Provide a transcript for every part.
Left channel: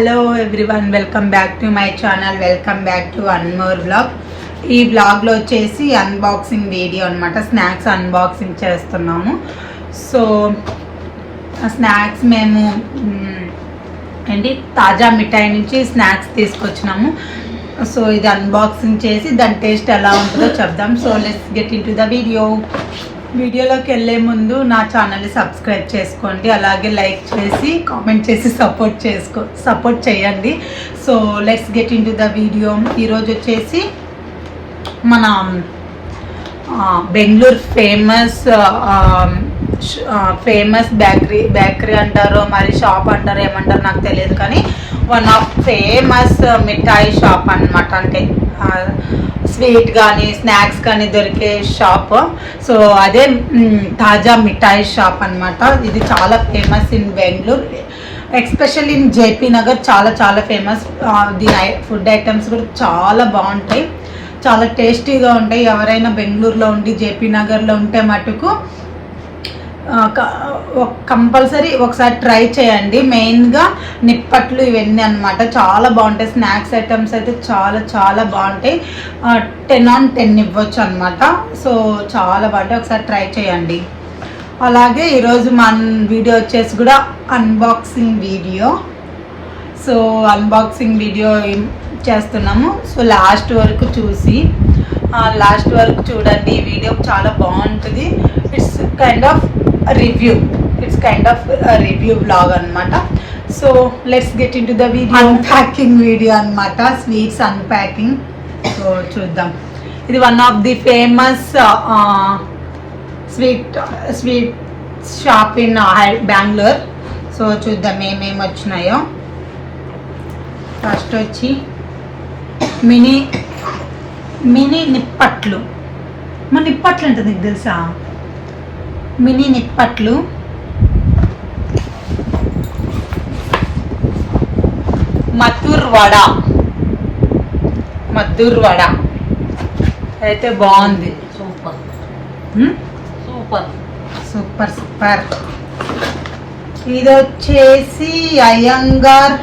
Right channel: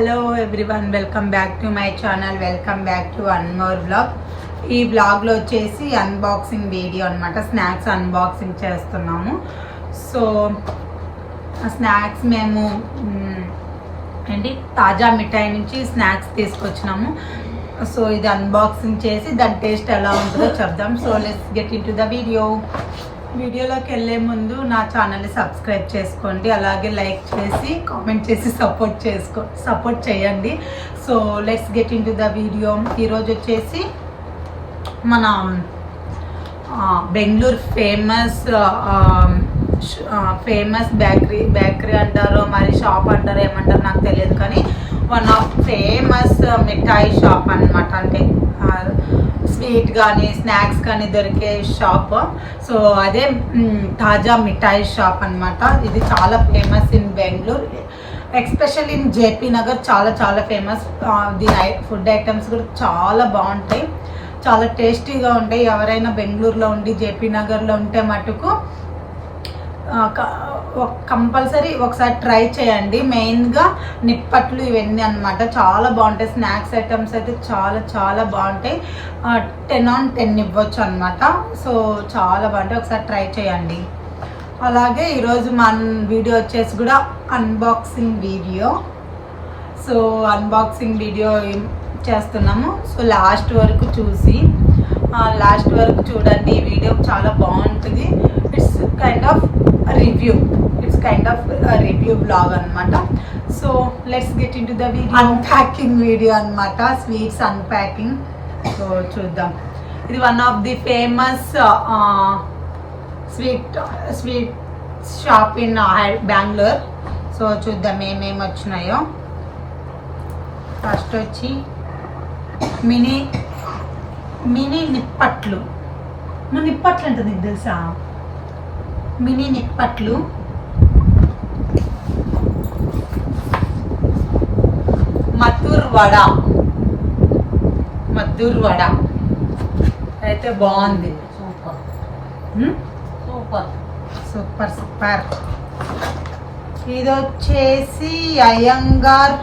Hello everyone, welcome back to my channel. Welcome back to one more blog. ఈ బ్లాగ్లో వచ్చేసి unboxing video అనమాట. Snacks unboxing చేస్తున్నాము. So snacks మేము తాజా మిఠాయి నుంచి స్నాక్స్ తీసుకొచ్చినాము. సో ఇది అన్బాక్సింగ్ చేసి దాని టేస్ట్ ఎలా ఉంటుందో చెప్దాం. So let's get into the వీడియోలోకి వెళ్ళే ముందు నా ఛానల్ని సబ్స్క్రైబ్ చేసుకోండి, అలాగే లైక్ చేసి కామెంట్ చేసి సపోర్ట్ చేయండి. So let's get into the video. ఈరోజు వచ్చేసి మన బెంగళూరు ఫేమస్ బేకరీ అంటారు, మరి షాప్ అంటారు, ఏమంటారు నాకు తెలియదు, కానీ one of famous mithai shop అన్నమాట. అంటే స్వీట్ కానీ స్నాక్స్ కానీ దొరికే షాప్. సో అదే తాజా మిఠాయి షాప్ అన్నమాట. ఇది చాలా famous in Bengaluru, especially in JP Nagar. చాలా చాలా ఫేమస్. దీని ఫుడ్ ఐటమ్స్ కూడా చాలా బాగుంటాయి, చాలా టేస్టీగా ఉంటాయి. ఎవరైనా బెంగళూరులో ఉండి జేపీ నగర్లో ఉంటే మటుకు కంపల్సరీ ఒకసారి ట్రై చేయండి. మెయిన్గా నిప్పట్లు ఇవన్నీ అనమాట, చాలా బాగుంటాయి. స్నాక్స్ ఐటమ్స్ అయితే చాలా చాలా బాగుంటాయి. 10 on 10 ఇవ్వచ్చు అనమాట. సో చాలా బాగుంటాయి, ఒకసారి ట్రై చేయండి. అలాగే ఈరోజు మన వీడియో వచ్చేసి కూడా unboxing video. So unboxing video చేస్తున్నాము. సో లాస్ట్ వరకు చూడండి. ఈ వీడియో చాలా బాగుంటుంది. It's kind of review blog అనమాట. So let's get into the video. Unpacking video అనమాట, స్వీట్స్ అన్ప్యాకింగ్. సో చూద్దాం. ఇది one of the famous sweet shop in Bengaluru. So చూద్దాం ఏమేమి వచ్చినాయో. ఫస్ట్ వచ్చి మినీ నిప్పట్లు. మన నిప్పట్లు అంటే నీకు తెలుసా? మినీ నిప్పట్లు, మద్దూర్ వడ అయితే బాగుంది. సూపర్. ఇది వచ్చేసి అయ్యంగార్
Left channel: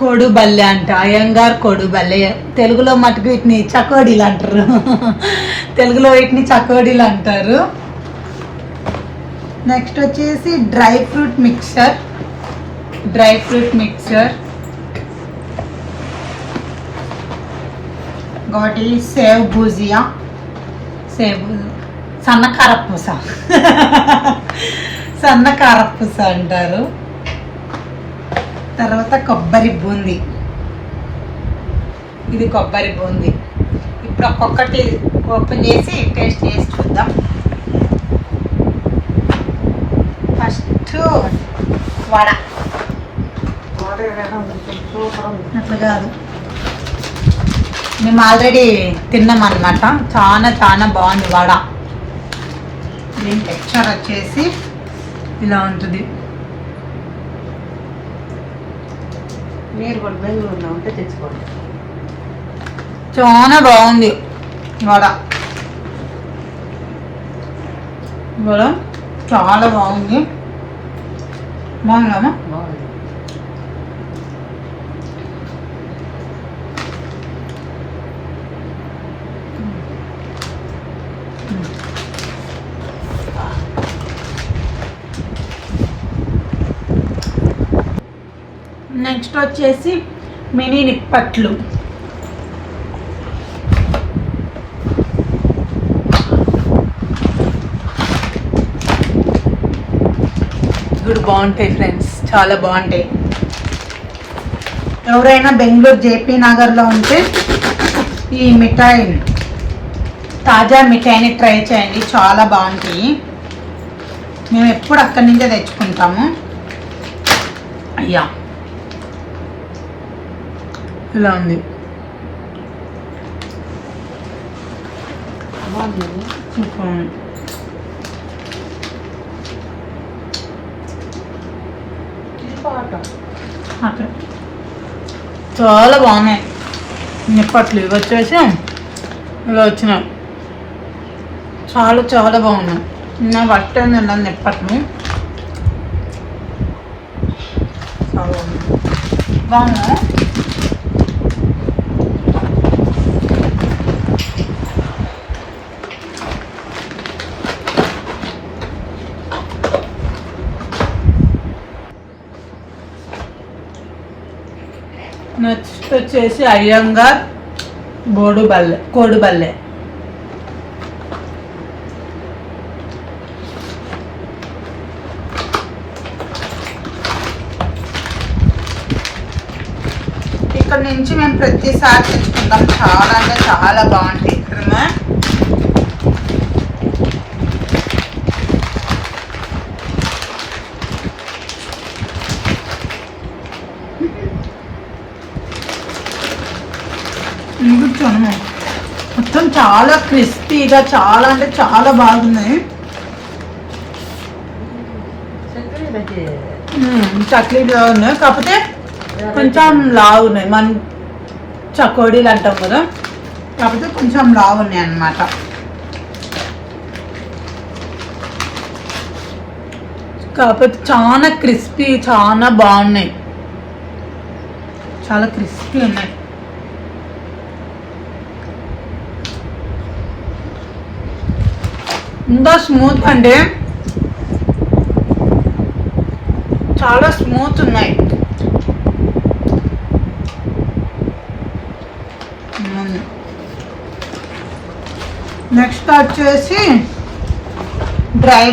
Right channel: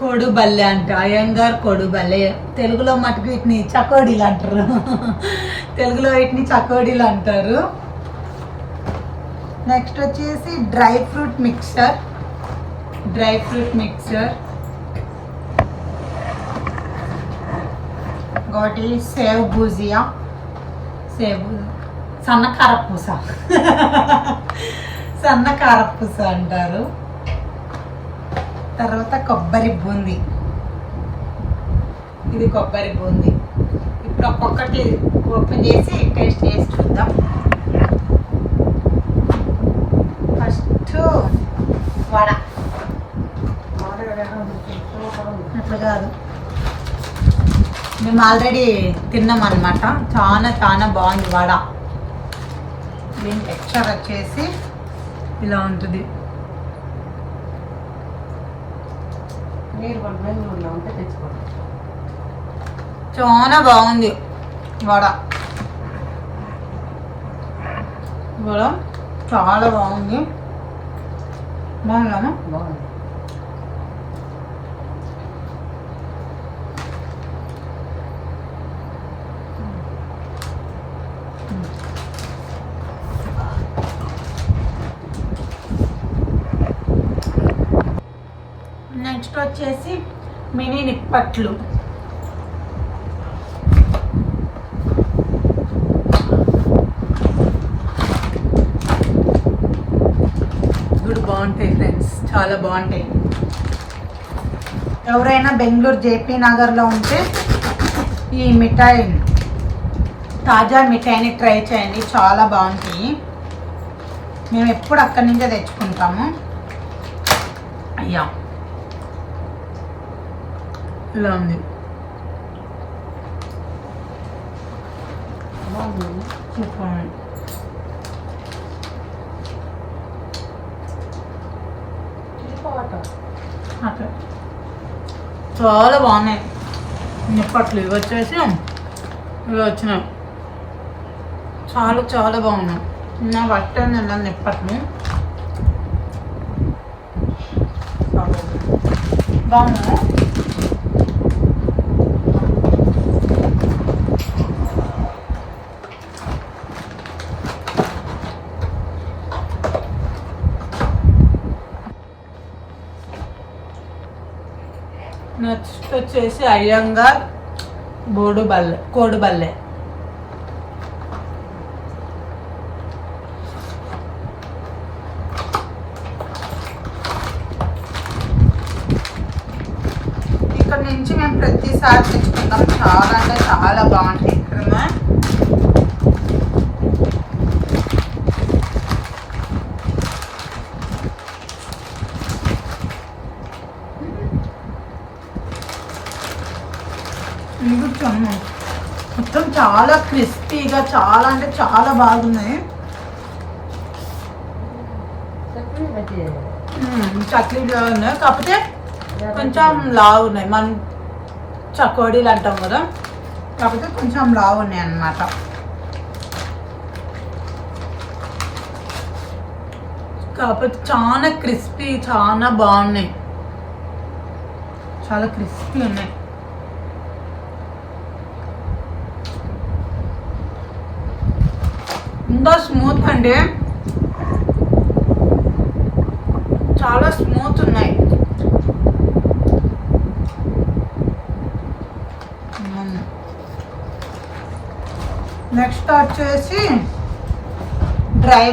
కొడుబల్లె అంట. అయ్యంగార్ కొడుబల్లె, తెలుగులో మటుకు వీటిని చకోడీలు అంటారు. నెక్స్ట్ వచ్చేసి డ్రై ఫ్రూట్ మిక్చర్. ఇంకోటి సేవ్ భుజియా, సన్నకారపూస అంటారు. తర్వాత కొబ్బరి బూందీ. ఇది కొబ్బరి బూందీ. ఇప్పుడు ఒక్కొక్కటి ఓపెన్ చేసి టేస్ట్ చేసి చూద్దాం. ఫస్ట్ వడ. అట్లా కాదు, మేము ఆల్రెడీ తిన్నాం అన్నమాట. చాలా చాలా బాగుంది వడ. దీని టెక్స్చర్ వచ్చేసి ఇలా ఉంటుంది. చాలా బాగుంది వడ. చాలా బాగుంది. బాగుందమ్మా. నెక్స్ట్ వచ్చేసి మినీ నిప్పట్లు. ఇప్పుడు బాగుంటాయి ఫ్రెండ్స్, చాలా బాగుంటాయి. ఎవరైనా బెంగళూరు జేపీ నగర్లో ఉంటే ఈ తాజా మిఠాయిని ట్రై చేయండి, చాలా బాగుంటాయి. మేము ఎప్పుడు అక్కడి నుంచే తెచ్చుకుంటాము. అయ్యా ఇలా ఉంది. చాలా బాగున్నాయి నిప్పట్లు. ఇవి వచ్చేసి ఇలా వచ్చినాయి. చాలా చాలా బాగున్నాయి. నేను ఫస్ట్ టైం తిన్నాను నిప్పట్లు. బాగుంది. నెక్స్ట్ వచ్చేసి అయ్యంగార్ కోడిబల్లె. ఇక్కడ నుంచి మేము ప్రతిసారి తెచ్చుకుంటాం. చాలా అంటే చాలా బాగుంటాయి. మొత్తం చాలా క్రిస్పీగా, చాలా అంటే చాలా బాగున్నాయి. చక్లీలు ఉన్నాయి, కాకపోతే కొంచెం లావు ఉన్నాయి. మన చకోడీలు అంటాం కదా, కాకపోతే కొంచెం లావు ఉన్నాయి అన్నమాట. కాకపోతే చాలా క్రిస్పీ, చాలా బాగున్నాయి. చాలా క్రిస్పీ ఉన్నాయి. ఇంకా స్మూత్ అంటే చాలా స్మూత్ ఉన్నాయి. నెక్స్ట్ వచ్చేసి డ్రై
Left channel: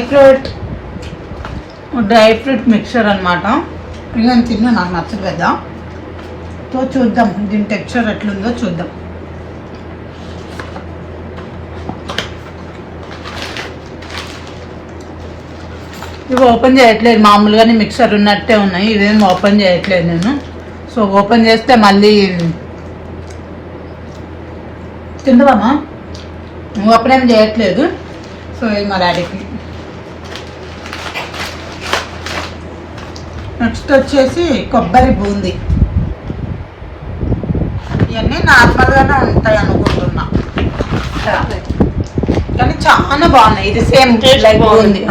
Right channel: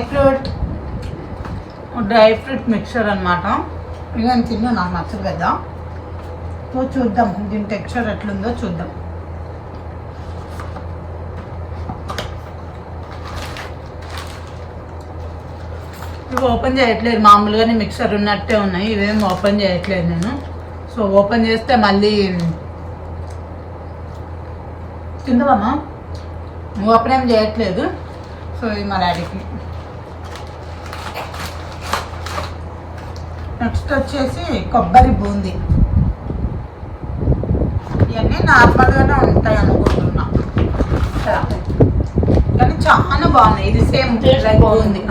ఫ్రూట్ మిక్చర్ అనమాట. ఇలా తిన్నా, నాకు నచ్చలేదా. సో చూద్దాం దీని టెక్స్చర్ ఎట్లుందో చూద్దాం. ఇవి ఓపెన్ చేయట్లేదు, మామూలుగానే మిక్సర్ ఉన్నట్టే ఉన్నాయి. ఇవేం ఓపెన్ చేయట్లేదు నేను. సో ఓపెన్ చేస్తే మళ్ళీ తిందామా, ఓపెన్ ఏం చేయట్లేదు. సో ఇది మా డాడీకి. నెక్స్ట్ వచ్చేసి కొబ్బరి బూందీ. ఇవన్నీ నార్మల్గానే ఉంటాయి అనుకుంటున్నా, కానీ చాలా బాగున్నాయి. ఇది సేమ్ లైక్ బూందీ.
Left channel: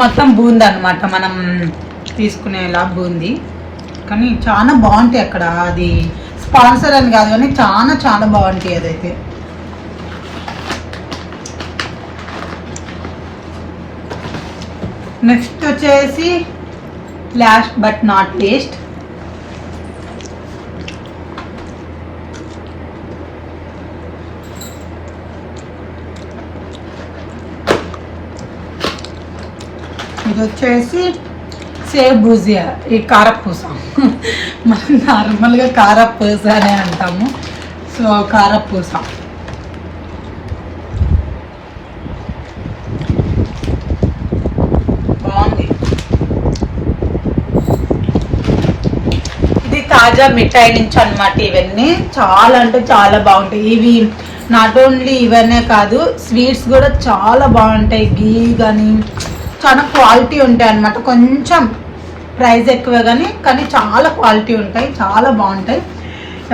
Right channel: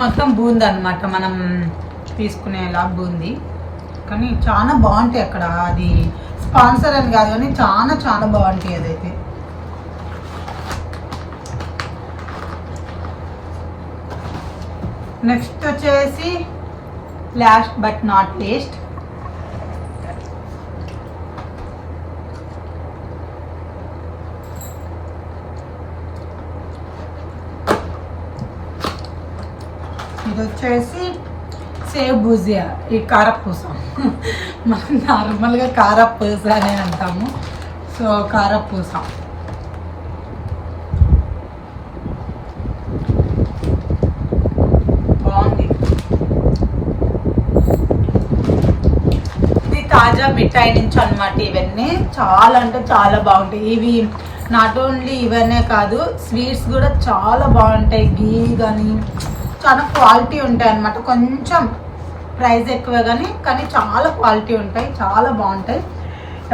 మొత్తం బూందీ అనమాట, మనం తీసుకునేలా బూందీ. కానీ చాలా బాగుంటాయి అక్కడ. అది స్పాన్సర్ అని కాదు కానీ చాలా చాలా బాగుంటాయి అదైతే. నెక్స్ట్ వచ్చేసి లాస్ట్ బట్ నాట్ లీస్ట్ ఇది వచ్చేసి సేవ్ భుజియా. ఈ కారపూస మనం నార్మల్గా కారపూస అనే అంటాము. సో కారపూస బాగుంది. ఇది తాజా మిఠాయి నుంచి అన్నమాట. ఇవన్నీ చాలా అంటే చాలా బాగుంటాయి. ఇవి నాట్ ఓన్లీ ఇవన్నీ కాదు, స్వీట్స్ కూడా చాలా బాగుంటాయి. ఘీ కానీ చాలా క్వాలిటీ ఉంటాయి అన్నమాట. కొంచెం ప్రైస్ ఎక్కువే కానీ చాలా క్వాలిటీ ఉంటాయి, చాలా బాగుంటాయి.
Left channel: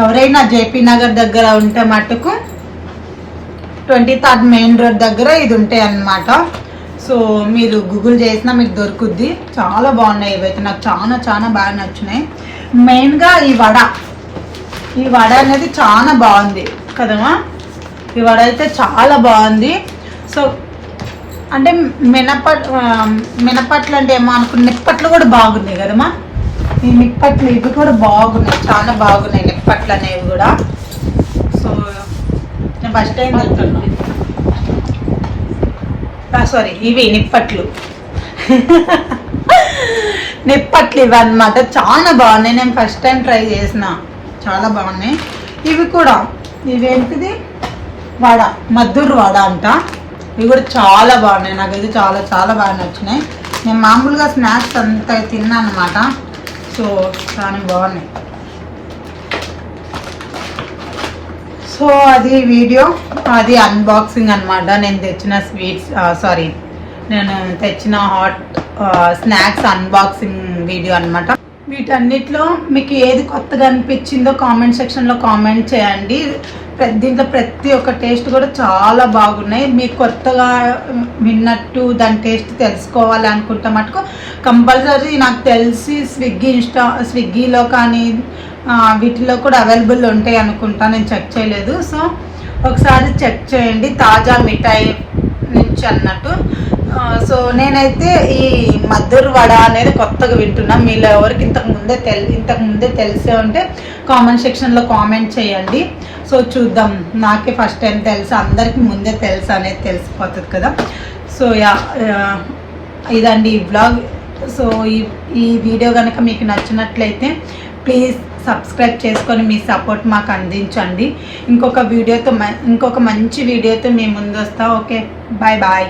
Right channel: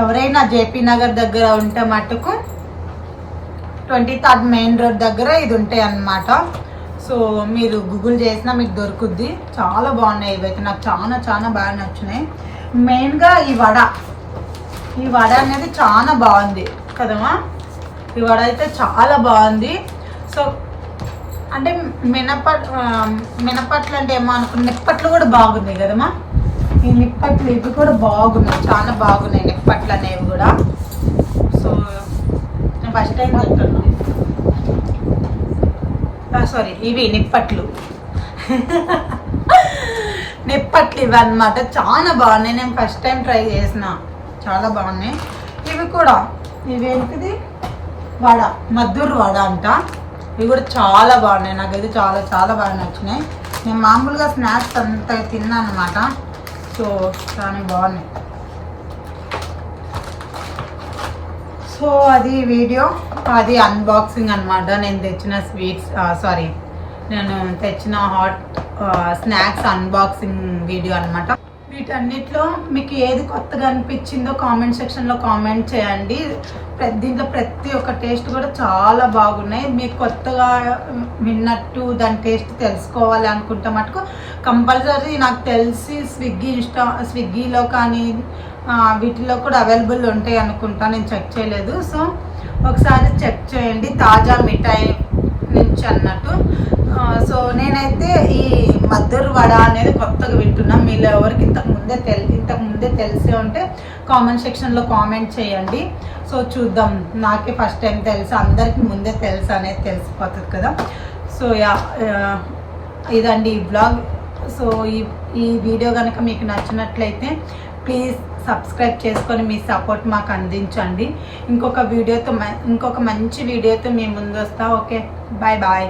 ఎవరైనా జేపీ నగర్ దగ్గర ఉంటే మటుకు 23rd మెయిన్ రోడ్ దగ్గర ఇది ఉంటాయి అన్నమాట. సో మీరు గూగుల్ చేసినా మీకు దొరుకుద్ది. చాలా బాగున్నాయి ఇవైతే, నాకు చాలా చాలా బాగా నచ్చినాయి. మెయిన్గా ఈ వడ అనేది చాలా బాగుంది కదమ్మా. ఈ వడ అయితే చాలా బాగుంది. సో అంటే మినపట్లు అంటే ఏమో అనుకున్న, నిప్పట్లు కూడా బాగున్నాయి కదమ్మా. ఈ నిప్పట్లు ఇవి కూడా బాగున్నాయి, చాలా బాగున్నాయి నిప్పట్లు అనేవి కూడా. సో నేను ఫస్ట్ టైం సారీ ఇవి నిప్పట్లు ఇవి అన్నమాట. చాలా బాగున్నాయి, నేను ఫస్ట్ టైం ట్రై చేసిన. చాలా బాగున్నాయి ఇవి కూడా. ఇవేంటిది వడ, మద్దూరు వడ అంట. ఇవి కూడా చాలా బాగున్నాయి, నాకు ఇది చాలా చాలా బాగా నచ్చినాయి. నేను మామూలుగా స్నాక్స్ అంతా తిన్నాను అనమాట. సో చాలా బాగున్నాయి. సో అది వీడియో, అది అన్బాక్సింగ్ అనమాట. నేను తెచ్చిన స్వీట్స్ నేను తెచ్చిన హాట్ స్నాక్స్ అన్బాక్సింగ్ వీడియో అనమాట. వీటన్నిటిలో మీకు ఏది కొత్తగా అనిపించిందో కామెంట్ సెక్షన్లో కామెంట్ చేయండి. దీంట్లో ప్రతి ఒక్క టేస్ట్ కూడా చాలా బాగున్నాయి. మీరు కొత్తగా విన్నట్టు దాని టేస్ట్ తెలుసుకోవాలి అనుకుంటే మటుకు కంపల్సరీ నాకు తెలిసి స్విగ్గీలో కానీ వీటిలో కూడా అవైలబుల్ ఉంటాయి అనుకుంటా, నేను చెక్ చేయలేదు. సో ఒకసారి చెక్ చేయండి, తాజా మిఠాయి నుంచి అన్నట్టు. సో నేనైతే ఈ మధుర్ వడ అనేది కొత్తగా వింటున్నా. మీలో ఎవరికి ఇంతకు ముందే తెలిసే ఉంటే కామెంట్ సెక్షన్లో కామెంట్ చేయండి. సో చూద్దాం, నాకే ఫస్ట్ టైం తెలుసు, అందరికి ముందే తెలుసు అనేది తెలిసిపోతుంది కదా. సో ఇదండి ఈ బ్లాగ్. సో ఈ వీడియో కనుక మీకు నచ్చినట్లయితే ప్లీజ్ సబ్స్క్రైబ్ చేసుకొని మీ సపోర్ట్ మాకు అందించండి. ఇంకొక మంచి వీడియోతో మీ ముందు వస్తా. Okay, bye bye.